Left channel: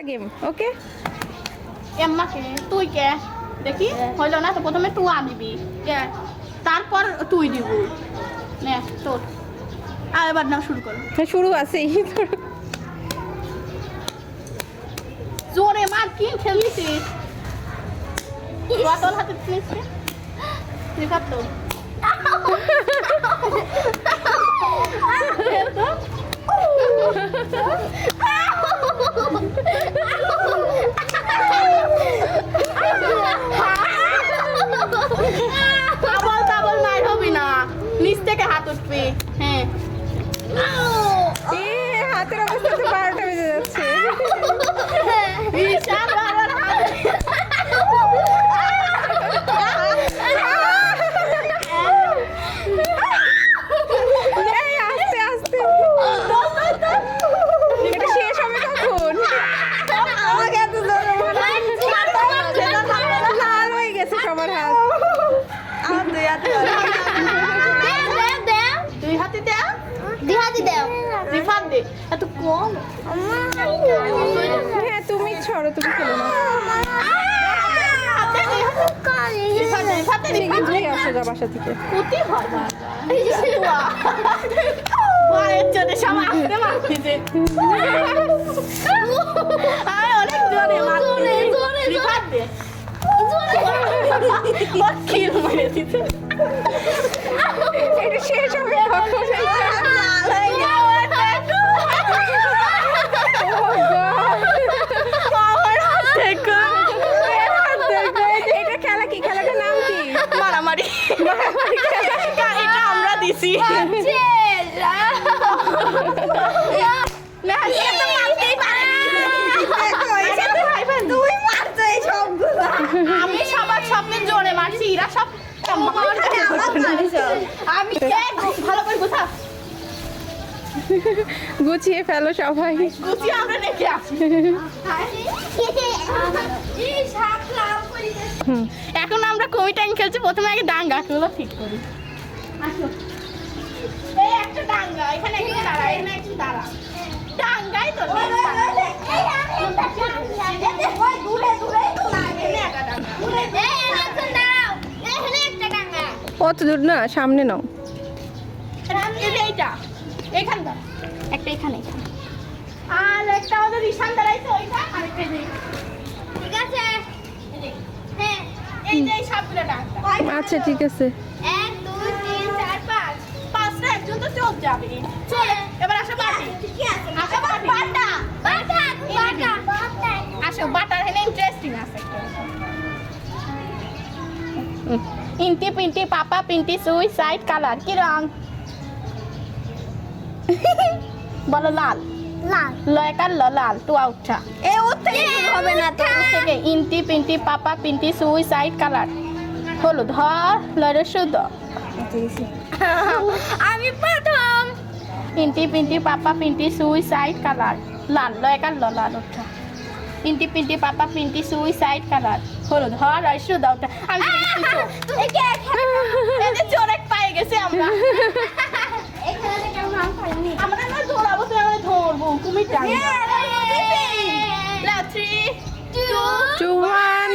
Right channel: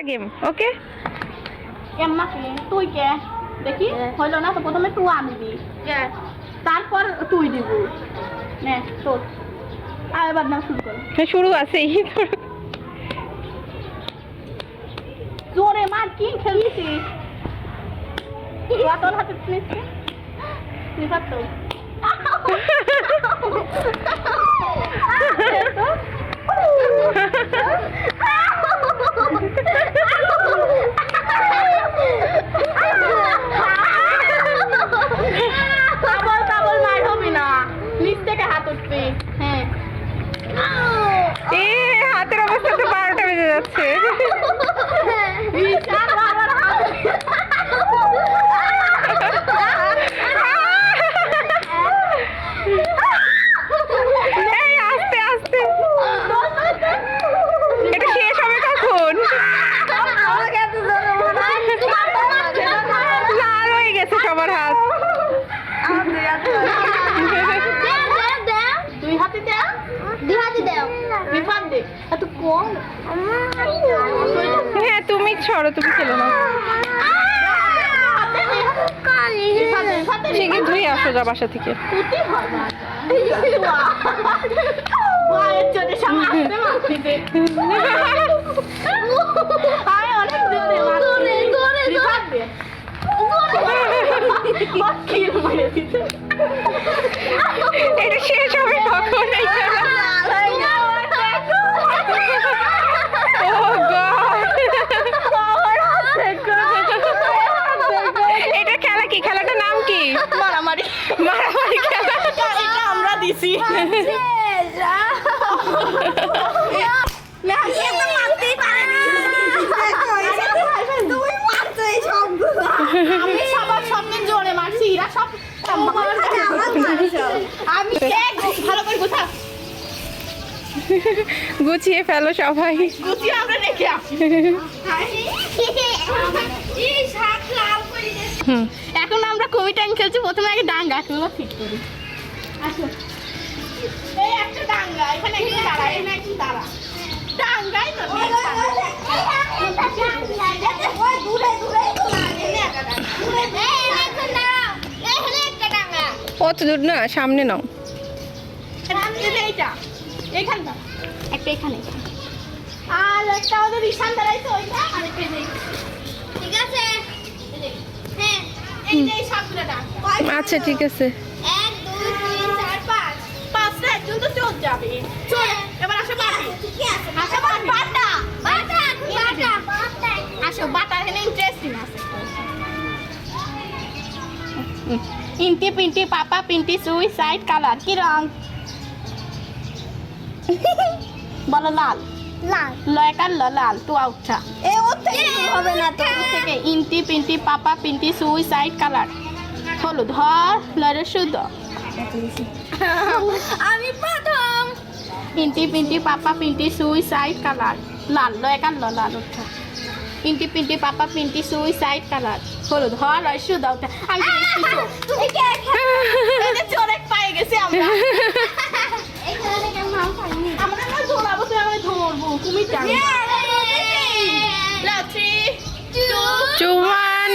একটা game okay Emma তুই কে? দেখি হইল না তো প্রথমে তুই আনবি। তারপর তুই দিব। নে তোর। আর এবার না শুরু কর। হ্যাঁ শুরু আছেই জোরে মার কি খেলিছি বোতল হাতে নিচ্ছে লিফার তো। ডাবল ডাবল মার হবি না নিচ থেকে হাত উঠবি হ্যাঁ এ হাতের অবস্থা তো বারোটা বেজে যাচ্ছে বিশাল বারবার হাত এই আস্তে আস্তে এটা শেষ হবে কখন লাল হয়ে সবার হাত দুই হাতে দে রিফাত দে এত কম। হ্যাঁ তুমি ছড়ো তুমি খেলো না। সেখানে ধুয়ে আসো যা বাসা থেকে কুতি হয় না ভয়ের চোটে সব আসতে মারতেছে আরে অনেক জোরে মারছে রিফাত দে বকিল মেরে দিতে এটা শেষ হবে কখন এটা খেলা কি? খেলাটার নাম কি? মারামারি। মারামারি খেলা। এটা এটা আমরা দিছি। না এত মারতেই আমি সবার সামনে জোরে মারছি এরা সব আমি ভালো করে গোছা। গুছিয়ে ফেলো সবাই। গুছিয়ে আমরা রেখে আসি। এখন আমরা কবিটা টাইম খেলছি? প্রথমে আগে ডাঙ্গা গাছগুলো ঠিক করি। আসো এই একটা ডাঙ্গা এখানে একটু দাঁড়া এখানে একটু দাঁড়া ডাঙ্গাই তো অত দূর? না সামনে নাও। একটা এখানে আর একটা ওদের ঈশান দাঁড়াইছে ওইটা। আর একটা ঠিক আছে? হ্যাঁ সবগুলো আচ্ছা ঠিক আছে। এক দুই তিন চার পাঁচ। পাঁচটা একজন তো চোখ যাবে। চল এবার আসো বাটি। ঠিকই আছে। আসো বাটা বাটা বাটা। আসো বাটা এখানে ইন্টারেস্টিং আছে। ইন্টি পিন্টি পাপা পিন্টি সুই সাইড কালার কি রং বলো লাল লাল লয়কার ল লাল টু আউটটা এ ওর থেকে হবে না তো ওর থেকে ইন্টি পিন্টি পাপা পিন্টি সুই সাইড কালার হলুদ হ লয়ের শুদ্ধ আমি প্রথম ইন্টি পিন্টি পাপা পিন্টি সুই সাইড কালার লাল লয়কার ল লাল ওঠা ইন্টি পিন্টি পাপা পিন্টি সুই সাইড কালার হলুদ হ লয়ের শুদ্ধ ওঠা আমি। এই যে চোরেক পায়ে গেছে আমরা এখানে কেমন হাম পাইনি আমরা। না ধরাবো তুই আমরা ধরবো তুমি জানি। Three two one